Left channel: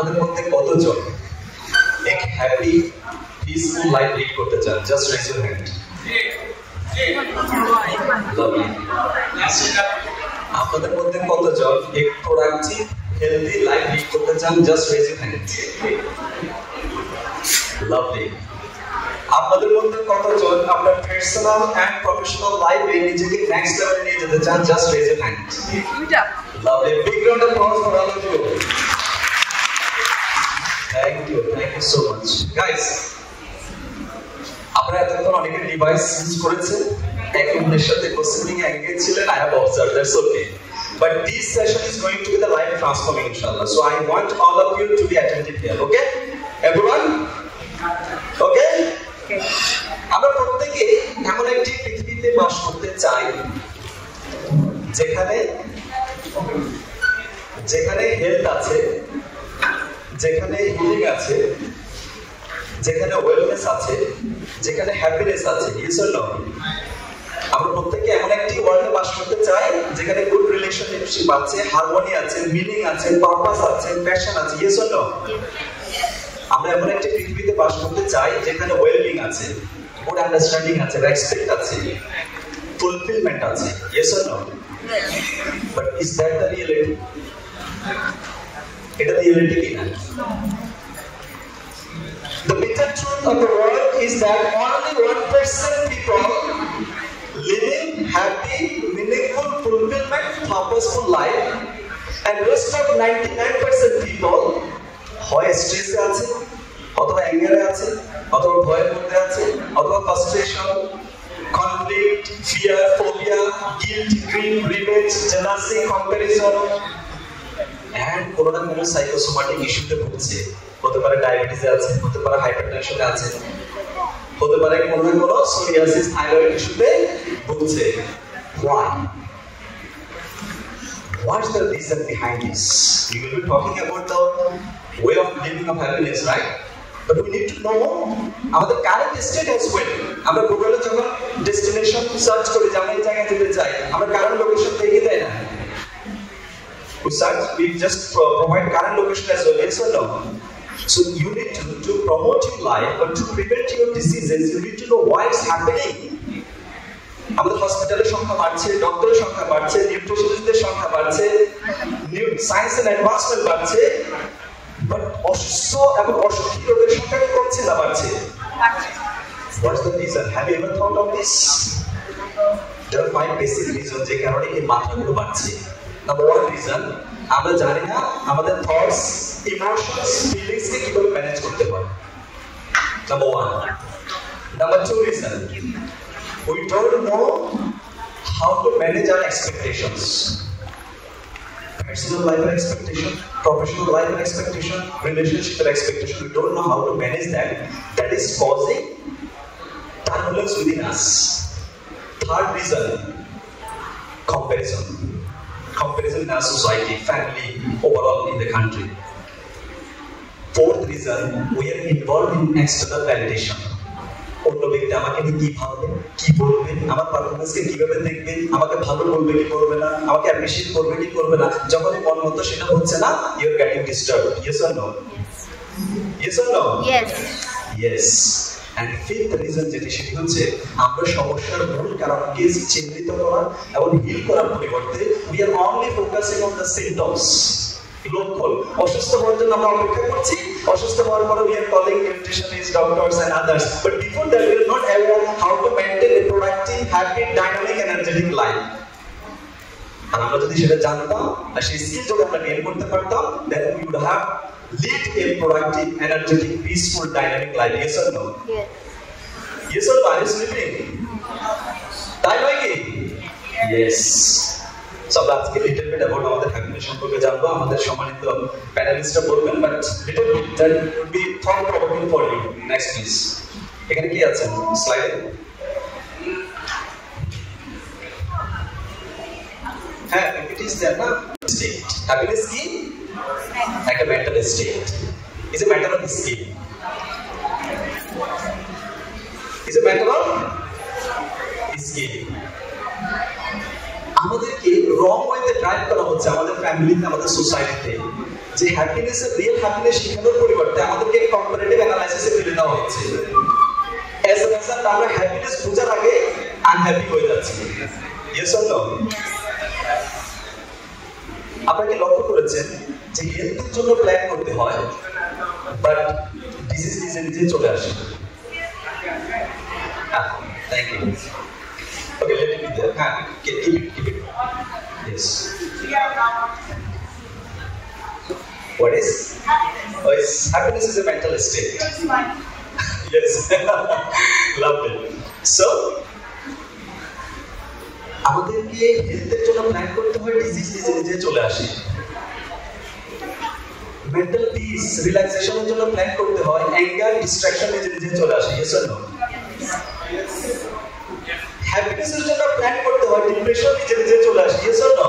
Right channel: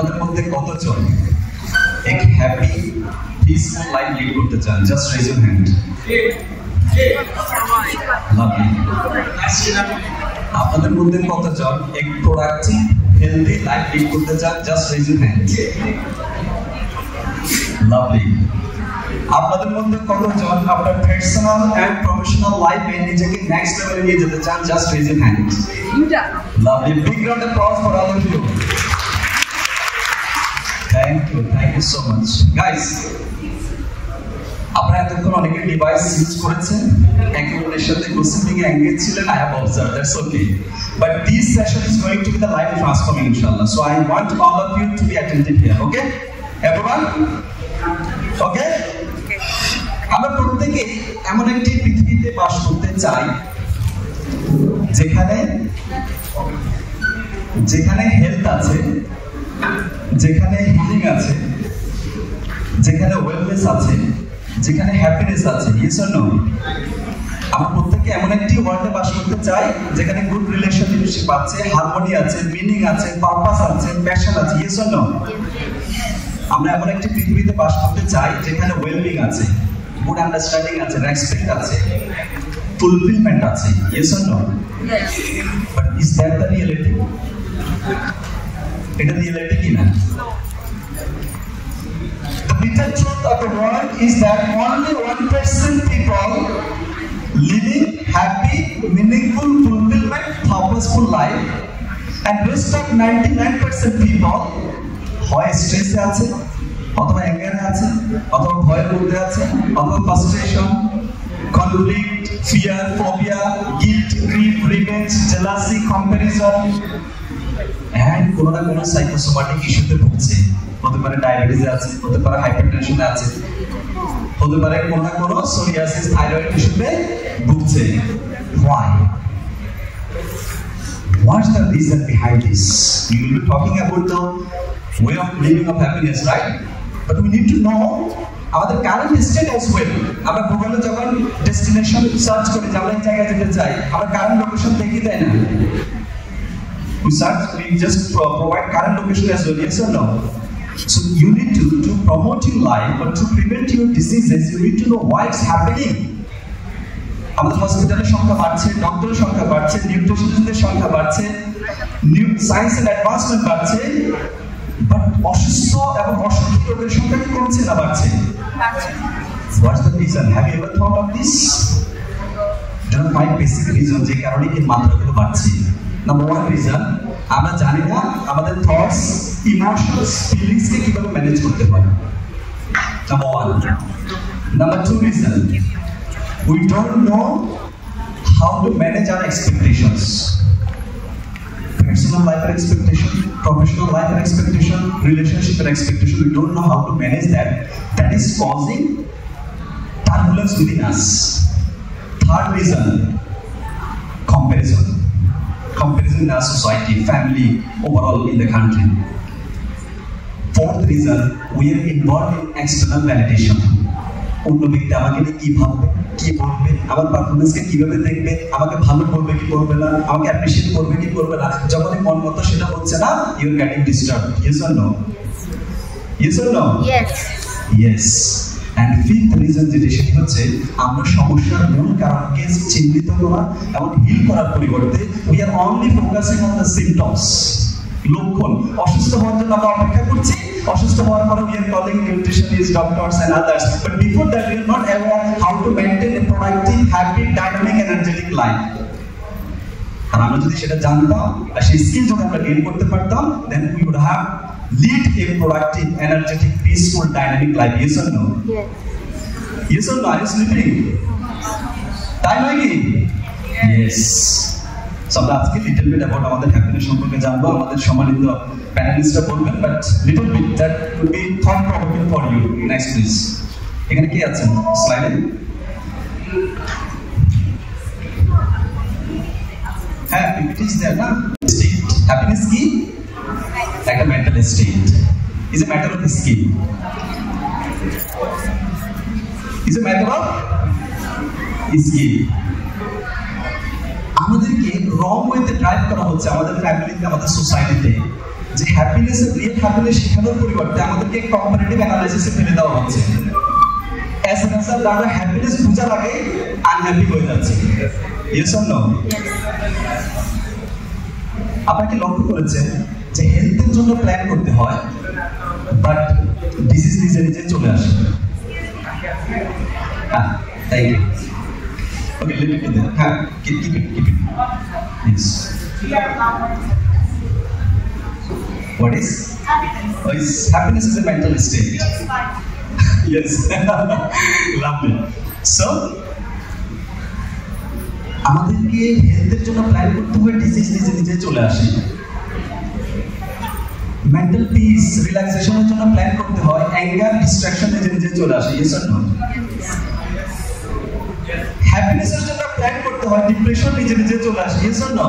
আপনাদের মধ্যে কতজন এক হ্যাপি পিসফুল লাইফ লিড করতে চান? Just raise your hand. Lovely. আপনাদের মধ্যে কতজন এক প্রোডাক্টিভ হেলদি লাইফ লিড করতে চান? Just raise your hand. Lovely. আপনাদের মধ্যে কতজন আপনার পার্সোনাল এন্ড প্রফেশনাল লাইফে নিজেকে নেক্সট লেভেলে নিয়ে যেতে চান? Just raise your hand. Lovely. Big round of applause for all of you. Thank you so much guys. আপনারা এতক্ষণ অনেকে ডিভাইস ইউজ করেছেন, একে অন্যের সাথে গোসিপিং এ এঙ্গেজ ছিলেন। I have observed, that's okay. But this session is going to be the life transforming, inshallah. So I want all of you to be attentive here, okay? Everyone? Okay? আমরা প্রত্যেকে এমন একটি পৃথিবীতে বাস করতে চাই যেখানে হেলথ আছে, যেখানে হিলিং আছে, যেখানে ওয়েলনেস আছে, যেখানে হ্যাপিনেস আছে। Yes or no? আমরা প্রত্যেকে এমন একটি ওয়ার্ল্ডে বাস করতে চাই যেখানে গুড রিলেশনশিপ আছে, হারমোনি আছে, মিনিং আছে, পারপাস আছে, প্যাশন আছে। Yes or no? আমরা এমন একটি পৃথিবীতে বাস করতে চাই যেখানে ওয়েলবিং আছে, গুড আন্ডারস্ট্যান্ডিং আছে, রেসপেক্ট আছে, ফুলফিলমেন্ট আছে। Yes or no? But is that the reality? এটা রিয়েলিটি কি না? The bitter truth of the world is that only 1% people living happy, meaningful, fulfillment, purposeful life, and rest of 99% people হয় স্ট্রেসে আছে, অথবা অ্যাঙ্গারে আছে, অথবা ভয়ের মধ্যে আছে, অথবা frustration, conflict, fear, phobia, guilt, grief, revenge, jealousy, comparison and কোনো না কোনো সাইকোসোমাটিক ইস্যুতে ভুগছে। হতে পারে ডায়াবেটিস আছে, হতে পারে হাইপারটেনশনে আছে, হতে পারে কোনো না কোনো সোরিয়াসিস, থাইরয়েড ইস্যুতে ভুগছে। Why? What's the reason behind this? We will be talking about the way of living of happiness, right? But we need to know আমাদের কারেন্ট স্টেট as well. আমরা গুগলে যখন ডেস্টিনেশন সার্চ করি যে আমরা এই জায়গায় যেতে চাই, আমরা কারেন্ট লোকেশন দেখিয়ে দেয় না। We search, we just provide current location as well. Yes or no? So you need to promote your life, but to prevent your diseases, you need to know why it's happening. আমাদের হসপিটালের সংখ্যা বাড়ছে, ডক্টরের সংখ্যা বাড়ছে, নিউট্রিশনিস্টদের সংখ্যা বাড়ছে, সায়েন্স এন্ড অ্যাডভান্সমেন্ট বাড়ছে, বাট অসুস্থ এবং অসুখী রোগের সংখ্যা কি কমছে না বাড়ছে? What's the reason? Have you ever thought of this? There are 5 basic reasons যে কারণে এই মাত্রাগুলো বাড়ছে। Number 1 reason, আমরা জানি না আমাদের থটস, ইমোশনস, ফিলিংস কে কিভাবে ম্যানেজ করতে হয়। Number 1. Number 2 reason, we don't know how to manage our expectations. Personal life expectation, professional life expectation, relationship expectation. We don't know how to manage that. That is causing turbulence within us. Third reason, comparison in our society, family, overall in the country. Fourth reason, we are involved in external validation. অন্য ব্যক্তি আমাকে নিয়ে কি ভাববে, কি বলবে, আমার পারফরমেন্সকে কিভাবে দেখবে, আমাকে ভালো বলবে কি করবে না, আমাকে অ্যাপ্রিশিয়েট করবে কি করবে না। যখনই মন মতো সেটা হচ্ছে না, you are getting disturbed. Yes or no? Yes or no? Yes. And fifth reason যেটি সেটি হচ্ছে আমরা সমস্যার মূল কারণকে চিহ্নিত করা এবং হিল করার পরিবর্তে we are only focusing on the symptoms. লক্ষণ। অসুস্থ হওয়ার জন্য আমরা অপেক্ষা করছি, অসুস্থ হওয়ার পরে we are calling nutritionists, doctors and others, but before that we are not aware how to maintain a productive, happy, dynamic, energetic life. আর আমরা যদি সেটা জানতাম আর সেই স্কিল যদি আমরা গেইন করতে পারতাম, then we would have lead a productive, energetic, peaceful, dynamic life. Yes or no? Yes. Yes or no? Are you sleeping? তাই নয় কি? Yes. So আমরা আজকে লিটল বিট অ্যাবাউট আমাদের হ্যাপিনেস সম্পর্কে জানবো। আমাদের সম্মানিত প্যানেলিস্টরা বলবেন, but little bit that will be thought provoking for you. Next please. এখানে কি আছে স্লাইডে? হ্যাঁ, ইট ইজ দেয়ার না? স্টেট। হ্যাপিনেস কি? একটা mental state. Is a matter of skill. Is a matter of skill. আমাদেরকে রং ওয়েতে ড্রাইভ করা হচ্ছে আমাদের ফ্যামিলিতে, আমাদের সোসাইটিতে। যে হ্যাপিনেস, রিয়েল হ্যাপিনেস শেখানোর পরিবর্তে আমাদেরকে কম্পারেটিভ অ্যানালাইসিসে ফেলে দেওয়া হচ্ছে। অ্যাজ এ রেজাল্ট আমরা হ্যাপিনেস বোঝার আগে আনহ্যাপি হয়ে যাচ্ছি। Yes or no? আপনারা কি লক্ষ্য করেছেন যে হেলথের জন্য প্ল্যান করতে হয়, বাট ডিজিজ নিজে নিজে চলে আসে? Thank you. Okay, let it there. হ্যাঁ, keep it. Yes. What is? Happiness is a mental state. Yes. Lovely. So, আমাদেরকে হেলথের জন্য প্ল্যান করতে হয়, ডিজিজ নিজে নিজে চলে আসে। মেন্টাল পিস, রিল্যাক্সেশনের জন্য প্ল্যান করতে হয়, অ্যাঙ্গার, ডিস্ট্রাকশন নিজে নিজে চলে আসে। Yes or no? হ্যাপিনেসের জন্য প্ল্যান করতে হয়, ডিপ্রেশন নিজে নিজে চলে আসে। Yes or no?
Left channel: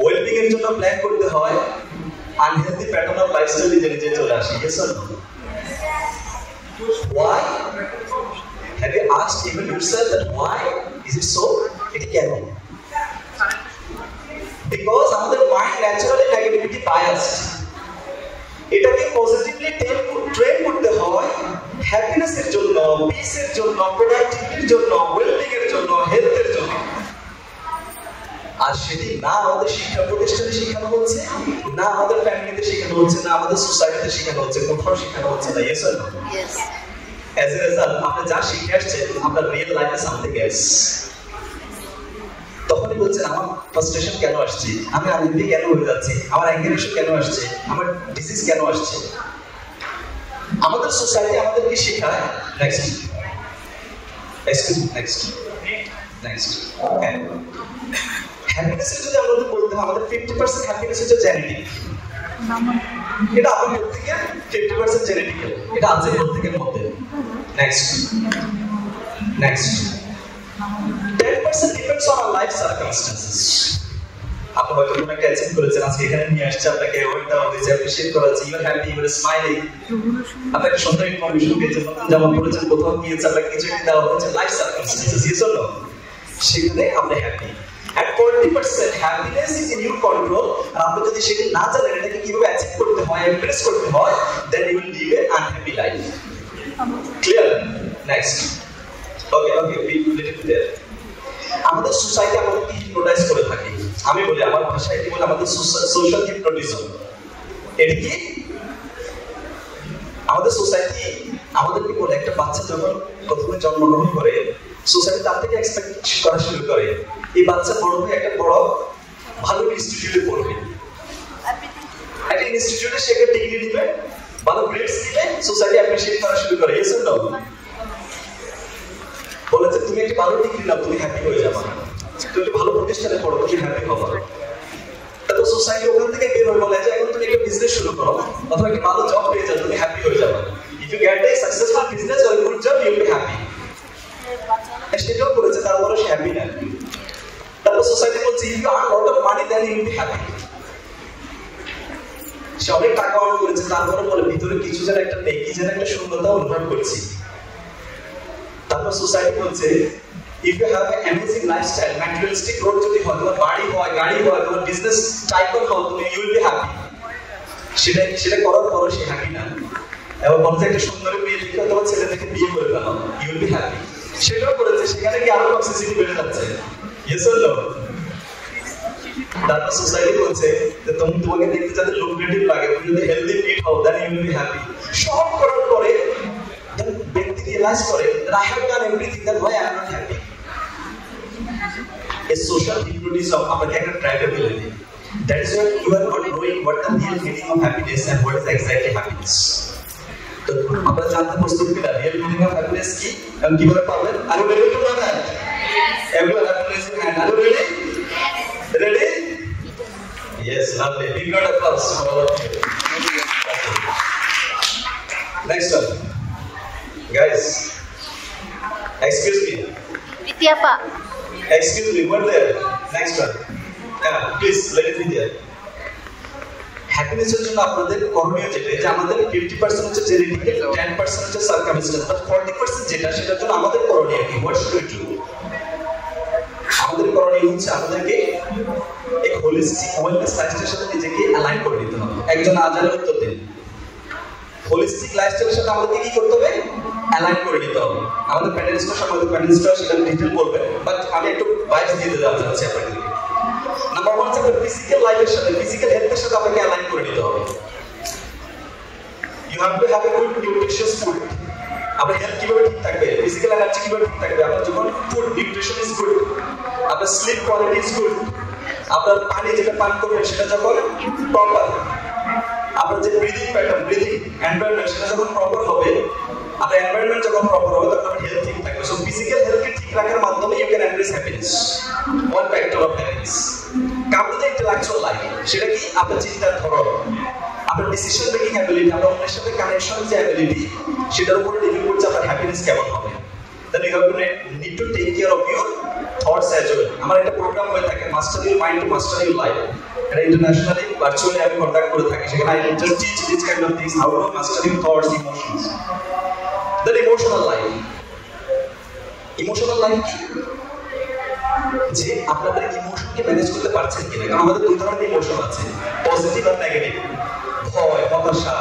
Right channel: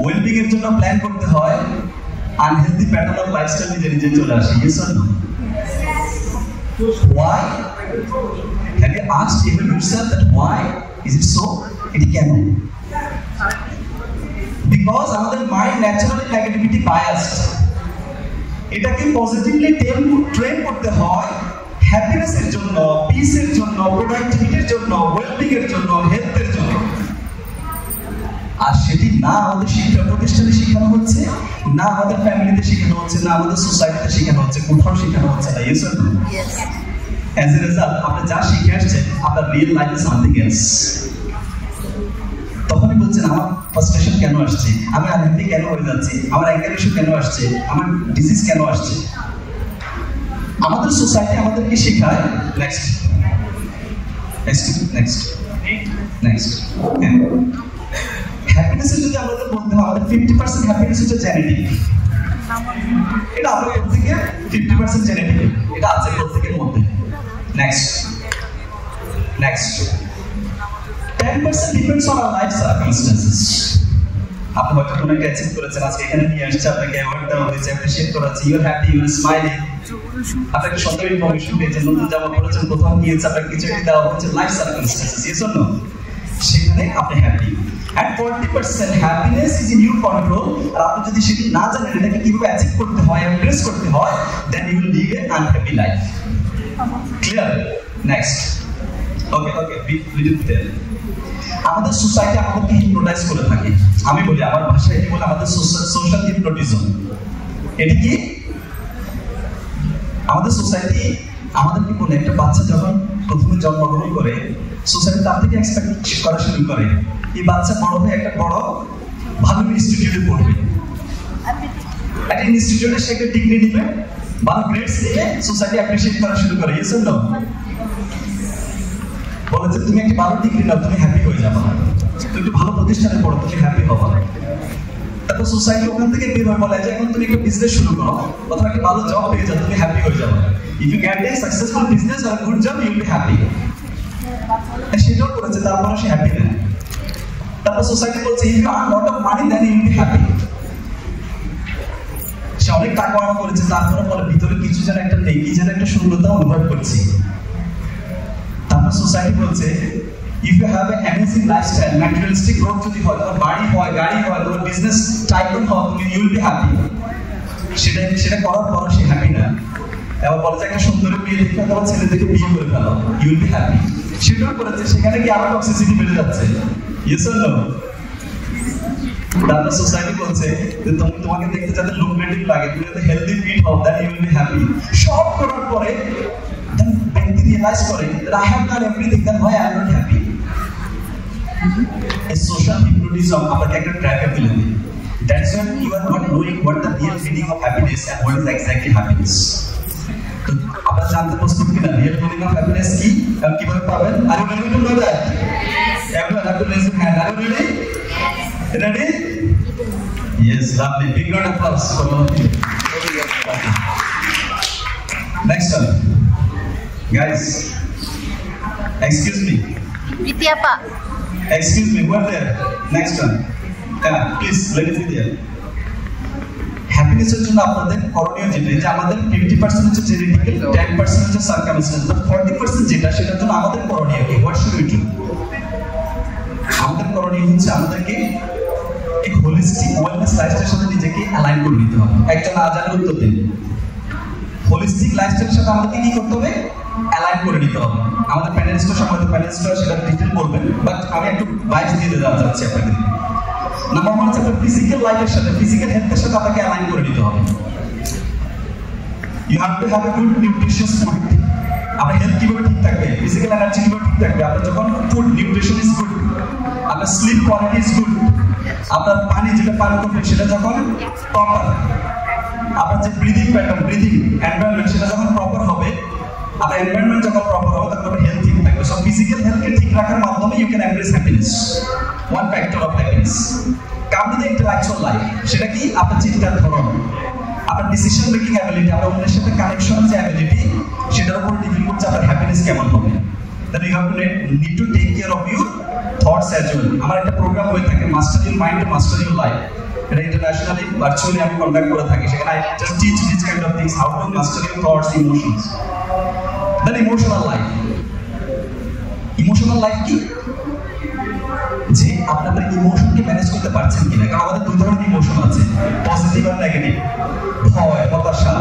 ওয়েলবিং এর জন্য প্ল্যান করতে হয়, আনহেলদি প্যাটার্ন অফ লাইফস্টাইল নিজে নিজে চলে আসে। Yes or no? Why? Have you asked even yourself that why is it so? It can. Because আমাদের মাইন্ড ন্যাচারালি নেগেটিভিটি বায়াসড। এটাকে পজিটিভলি ট্রেন করতে হয় হ্যাপিনেসের জন্য, পিসের জন্য, প্রোডাক্টিভিটির জন্য, ওয়েলবিং এর জন্য, হেলথের জন্য। আর সেটি না আমাদের শিক্ষা প্রতিষ্ঠানে শেখানো হচ্ছে, না আমাদের ফ্যামিলিতে শেখানো হচ্ছে, না আমাদের সোসাইটিতে শেখানো হচ্ছে, কোথাও শেখানো হচ্ছে না। Yes or no? Yes. As a result আপনি যা শিখে আসছেন, আপনার রিয়েল লাইফে সামথিং এলস। তখনই বলছেন আমার ফ্রাস্ট্রেশন কেন আসছে, আমি আনহ্যাপি কেন হয়ে যাচ্ছি, আমার অ্যাঙ্গার ইস্যু কেন আসছে, আমার ডিজিজ কেন আসছে। আমাদের সোসাইটি আমাদেরকে শেখায় নেক্সট হ্যাপিনেসের যদি আমাদের বলতে হয়, আমাদের 50% হ্যাপিনেস হচ্ছে জেনেটিক। এটা আপনার প্রত্যেকের 50% জেনেটিক, এটা আছে প্রত্যেকের মধ্যে। নেক্সট 10% depends on our life circumstances. আপনি হয়তো কোনো একটা অ্যাচিভ করেছেন, আজকে এখানে নিয়ে আসছে, আপনাকে অ্যাওয়ার্ড দেওয়া হয়েছে, অ্যাপ্রিশিয়েট করা হচ্ছে, you are happy, you are smiling. আপনাকে সুন্দর ইনফরমেশন পেয়েছেন, নতুন জামা পরেছেন, কোথাও গিয়েছে, আপনাকে কিছু একটা দেওয়া হয়েছে, life circumstances. Yes or no? সেখানে আপনি happy. And 40% happiness is in your control. আর আপনি যদি সেটা না জানেন এটাকে কিভাবে অ্যাচিভ করতে হয়, এমপ্রেস করতে হয়, then you will live an unhappy life. Clear? Next. Okay, little bit there. আমাদের সোসাইটি আমাদেরকে হিপনোটাইজ করে থাকে। আমি বলি আমার ভাষায় কি বলে, আমাদের সোশ্যাল হিপনোটিজম। এটা কি? আমাদের সোসাইটি আমাদেরকে বলে, একটা বাচ্চা যখন প্রথমে জন্মগ্রহণ করে, সোসাইটি তার থেকে এক্সপেক্ট করা শুরু করে এই বাচ্চা বড় হয়ে একটা বড় ভালো ইনস্টিটিউটে পড়বে, একটা ইনস্টিটিউটে সে একটা ডিগ্রি নিবে, ভালো গ্রেডস নিবে, সোসাইটি অ্যাপ্রিশিয়েট করা শুরু করে। Yes or no? বলেছে তুমি একটা ভালো ডিগ্রি নাও, তুমি হ্যাপি হয়ে যাবে, তুমি একটা ভালো প্রতিষ্ঠানে পড়ো, তুমি হ্যাপি হবে। তারপর সোসাইটি ওখান থেকে বের হয়ে বলে যে এখন তুমি একটা বিজনেস শুরু করো, অথবা একটা ভালো জব পেয়ে যাও, তুমি হ্যাপি হয়ে যাবে। If you get a successful business or good job, you will be happy. সেটাও করেছে, তারপরে সে হ্যাপি না। তারপর সোসাইটি বলছে if you earn lot of money then you will be happy. সে অনেক টাকা আর্ন করেছে, তারপরে বলে ভিতরে কিছু যেন একটা নেই, কি যেন একটা শূন্যতা অনুভব করছি। তারপর সোসাইটি বলছে if you have a amazing lifestyle, materialistic growth যদি হয়, তোমার বাড়ি হয়, গাড়ি হয়, তোমার বিজনেস টাইকন হয়, তুমি ইউ উইল বি হ্যাপি। সেটা করার পরও সে হ্যাপি না। এবার বলে যে একটা সুন্দর মেয়ে দেখে তোমার ছেলে দেখে বিয়ে করে ফেলো, ইউ উইল বি হ্যাপি। সেটাও করেছে, সেখানে কি আরো টক্সিসিটি বেড়ে যাচ্ছে। Yes or no? তারপর সোসাইটি বলছে যে তোমাকে দেখতে যাতে লুক্রেটিভ লাগে, তুমি যদি হেলদি ফিট হও, then you will be happy. সব করার পরে ব্যক্তি রিয়েলাইজ করে that I have done everything, then why I am not happy? A social hypnotism আপনাকে একটা ট্র্যাপে ফেলে দেয়। That's why you are not knowing what the real meaning of happiness and what is exactly happiness. তো আপনারা জানতে প্রস্তুত কিনা রিয়েল মিনিং অফ হ্যাপিনেস কি এবং কিভাবে পাবেন? Are you ready to know that? Everyone have to raise your hand. Are you ready? Ready? Yes, lovely. Big round of applause for all of you. Okay. Next one. Guys, excuse me. Vidyapa. Excuse me, what there? Next one. Yeah, please, let it be there. হ্যাপিনেসের জন্য আপনাদের করণীয় যেটা, যে আমাদের 50% হচ্ছে জেনেটিক্যাল, 10% হচ্ছে circumstance, but 40% যেটা, সেটার জন্য আমাদের করণীয় কি? What should we do? আমাদের করণীয় হচ্ছে আমাদেরকে एक होलिस्टिक ওয়েলনেস লাইফস্টাইলের সাথে নিজেকে অ্যালাইন করে নিতে হবে। একজন আজানের উত্তর দিন। হোলিস্টিক লাইফস্টাইলের সাথে আমাদেরকে কি করতে হবে? অ্যালাইন করে নিতে হবে। আমাদের প্যানেলিস্টের সম্বন্ধে প্যানেলিস্টরা সেটা ডিটেইল বলবেন, বাট আমি একটু বাইস দিয়ে দেওয়া যাচ্ছে আপনাদের। নাম্বার 1 হচ্ছে আপনার ফিজিক্যাল লাইফের সাথে, ফিজিক্যাল হেলথের সাথে আপনাকে অ্যালাইন করে নিতে হবে। You have to have a good nutritious food. আপনার হেলথ কিভাবে ঠিক থাকবে, ফিজিক্যাল এনার্জি কিভাবে ঠিক থাকবে, আপনার যখন ফুড নিউট্রিশন ইজ গুড, আপনার স্লিপ কোয়ালিটি ইজ গুড, আপনার পানি যেটা পান করবেন সেটা যখন প্রপার, আপনার যে ব্রিদিং প্যাটার্ন, ব্রিদিং এনভায়রনমেন্ট সেটা যখন প্রপার হবে, আপনার এনভায়রনমেন্ট যখন প্রপার হবে তখন আপনার হেলথ ঠিক থাকবে। সো ফিজিক্যাল হেলথকে ঠিক রাখার মাধ্যমে you can embrace happiness, one factor of happiness. Come to the intellectual life, সেটা কি? আপনার চিন্তার ধরন, আপনার ডিসিশন মেকিং অ্যাবিলিটি, আপনার অন্যের সাথে কানেকশন যে অ্যাবিলিটি, সেটার উপর ডিপেন্ড করছে আপনার হ্যাপিনেস কেমন হবে। Then you have to need to take care of your thoughts as well. আমার একটা প্রোগ্রাম হয়ে থাকে master your mind to master your life, এটা ইন্টারন্যাশনালি ভার্চুয়ালি আমি কন্ডাক্ট করে থাকি। সেখানে I just teach this kind of things, how to master your thoughts, emotions. Then emotional life, emotional life কি? যে আপনাদের ইমোশনকে ম্যানেজ করতে পারছেন কিনা। কারণ আমাদের দুই ধরনের ইমোশন আছে, পজিটিভ আর নেগেটিভ। ভয়, হতাশা,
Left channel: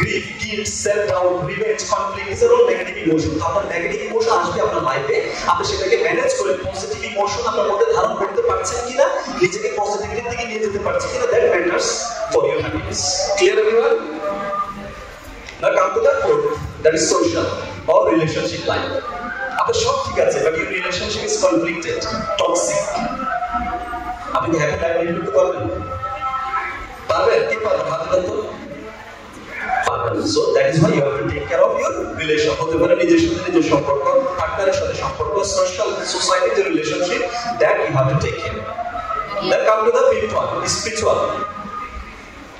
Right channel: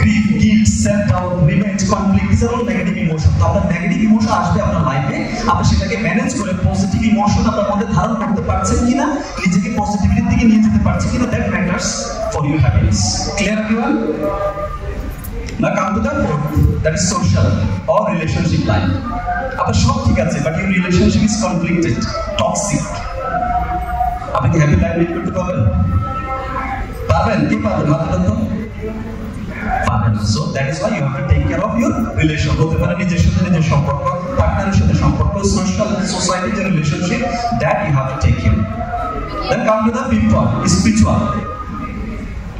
grief, guilt, self doubt, revenge, conflict, this are all negative emotion. তো আপনার নেগেটিভ ইমোশন আসবে আপনার লাইফে, আপনি সেটাকে ম্যানেজ করে পজিটিভ ইমোশন আপনার মধ্যে ধারণ করতে পারছেন কিনা, নিজেকে পজিটিভিটির দিকে নিয়ে যেতে পারছেন কিনা, that matters for your happiness. Clear everyone? Now come to the fourth, that is social or relationship life. আপনার সব ঠিক আছে, but your relationship is conflicted, toxic. আপনি কি হ্যাপি লাইফ লিড করতে পারবেন? পারবেন? কি পারবেন? হাত দেন তো। পারবেন। So that is why you have to take care of your relation. হতে পারে নিজের সাথে নিজের সম্পর্ক, পার্টনারের সাথে সম্পর্ক, সোশ্যাল সোসাইটির যে relationship, that you have to take care. Then come to the fifth one, spiritual.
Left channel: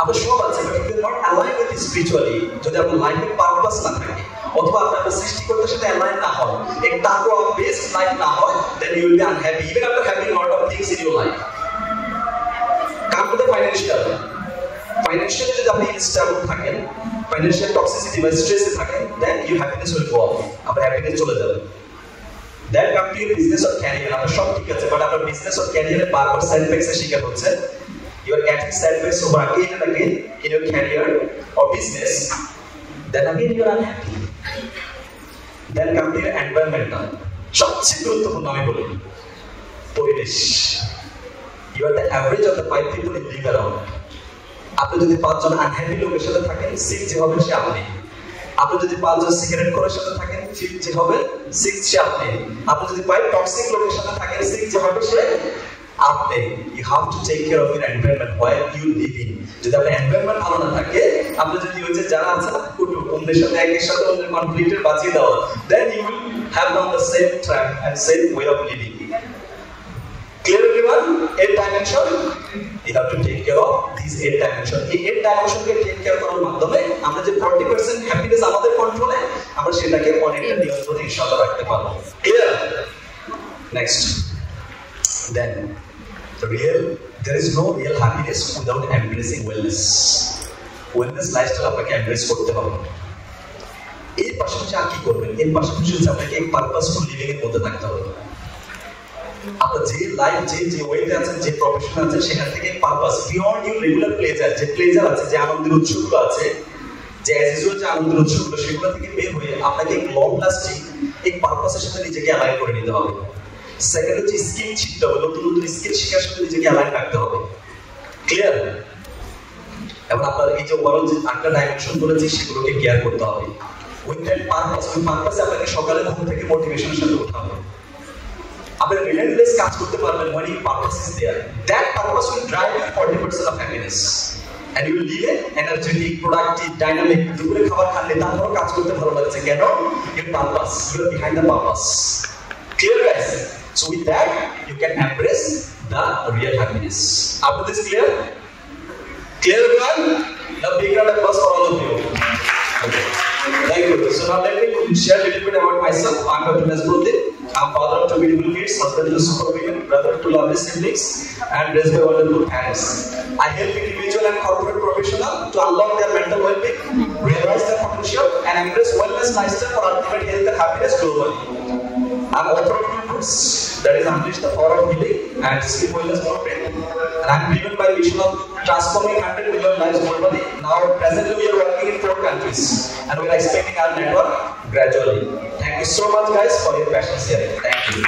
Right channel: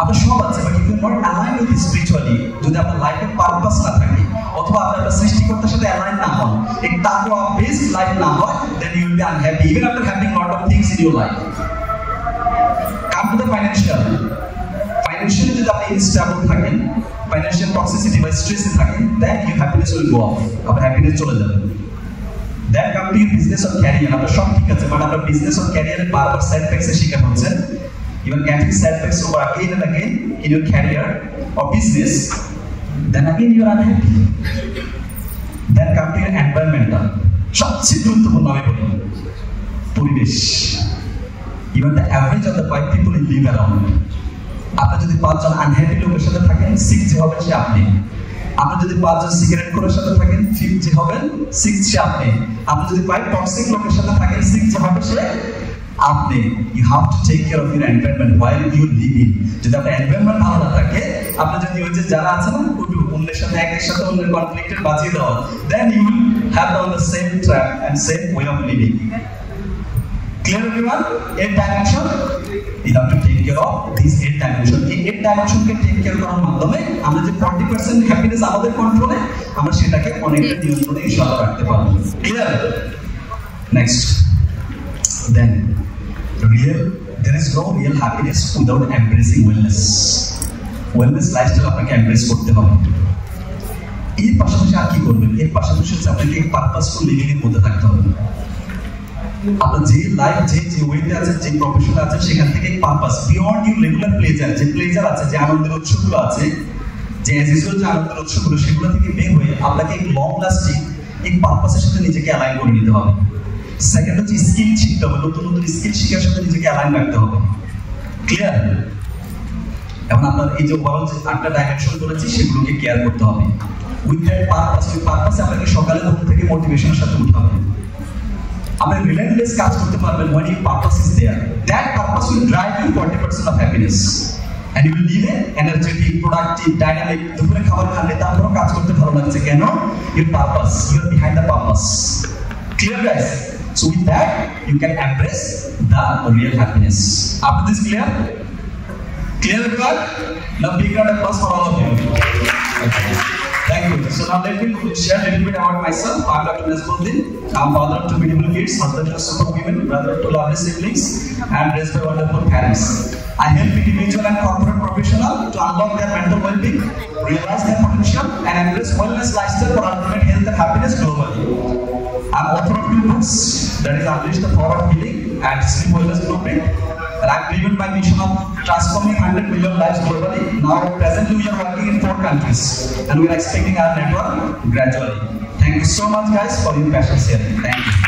আপনার সব আছে, but if you are not align with spiritually, যদি আপনার লাইফে পারপাস না থাকে, অথবা আপনার সৃষ্টিকর্তার সাথে অ্যালাইন না হয়, এক তাকওয়া বেসড লাইফ না হয়, then you will be unhappy even after having lot of things in your life. Come to the financial. Financially যদি আপনি ইনস্টেবল থাকেন, ফাইন্যান্সিয়াল টক্সিসিটি বা স্ট্রেসে থাকেন, then your happiness will go off, আপনার হ্যাপিনেস চলে যাবে। Then come to your business or career. আপনার সব ঠিক আছে, বাট আপনার বিজনেস অর ক্যারিয়ারে বারবার সেটব্যাকসের শিকার হচ্ছেন। You are getting setbacks over again and again in your career or business, then again you are unhappy. Then come to your environmental. সবচেয়ে গুরুত্বপূর্ণ আমি বলি পরিবেশ। You are the average of the 5 people you live around. আপনি যদি 5 জন আনহ্যাপি লোকের সাথে থাকেন, 6 যে হবেন সে আপনি। আপনি যদি 5 জন সিগারেট খোরের সাথে থাকেন, 5 যে হবেন 6 সে আপনি। আপনি যদি 5 টক্সিক লোকের সাথে থাকেন, 6 যে হবে সে আপনি। You have to take care of your environment while you living. যদি আপনার এনভায়রনমেন্ট ভালো না থাকে, আপনি যদি ওই যে যারা আছে না অন্যের সাথে একের সাথে অন্যের কনফ্লিক্টের বাজিয়ে দেওয়া, then you will have on the same track and same way of living. Clear everyone? 8 dimension, you have to take care of this 8 dimension. এই 8 ডাইমেনশনকে টেক কেয়ার করার মাধ্যমে আমরা যে 40% হ্যাপিনেস আমাদের কন্ট্রোলে, আমরা সেটাকে অনেকটা নিয়ন্ত্রণে ইনশাআল্লাহ রাখতে পারবো। Clear? Next, then there is no real happiness without embracing wellness. Wellness lifestyle আপনাকে embrace করতে হবে। এর পাশাপাশি আর কি করবেন? এর পাশাপাশি আপনাকে এক পারপাসফুল লিভিং এর মধ্যে থাকতে হবে। আপনার যে লাইফ যে ওয়েতে আছেন, যে প্রফেশনে আছেন, সেখান থেকে purpose beyond your regular pleasure, যে প্লেজার আছে, যে আনন্দের উৎসগুলো আছে, যে অ্যাজ ইউজুয়াল যে আনন্দের উৎসগুলো, সেগুলো থেকে বের হয়ে আপনাকে এক লং লাস্টিং এক পারপাসের সাথে নিজেকে অ্যালাইন করে নিতে হবে। সেকেন্ড হচ্ছে স্কিল শিখতে হবে, নতুন নতুন স্কিল শেখার সাথে নিজেকে অ্যালাইন রাখতে হবে। ক্লিয়ার? এবং আপনার এই যে ওভারঅল যে 8টা ডাইমেনশন বলেছি, সেগুলোকে কেয়ার করতে হবে। উইথ দ্যাট পারপাস, ওই পারপাসে আপনাকে সকালে ঘুম থেকে মোটিভেশনের সাথে উঠাবে। আপনি রিলেন্টলেস কাজ করতে পারবেন when your purpose is there. That purpose will drive you 40% of happiness. And you will live an energetic, productive, dynamic. দুপুরে খাবার খালে তারপরও কাজ করতে ভালো লাগছে কেন? Your purpose, you are behind the purpose. Clear guys? So with that, you can embrace the real happiness. After this clear? Clear everyone? Now big round of applause for all of you. Okay. Thank you. So now let me share a little bit about myself. I'm Dr. Nasruddin. I'm father of 2 beautiful kids, husband to super women, brother to lovely siblings, and raised by wonderful parents. I help individual and corporate professionals to unlock their mental well-being, realize their potential, and embrace wellness lifestyle for ultimate health and happiness globally. I'm author of 2 books, that is Unleash the Power of Healing and Sleep Wellness Blueprint. and I'm driven by vision of transforming 100 million lives globally. Now, presently we are working in 4 countries, and we are expanding our network gradually. Thank you so much, guys, for your patience here. Thank you.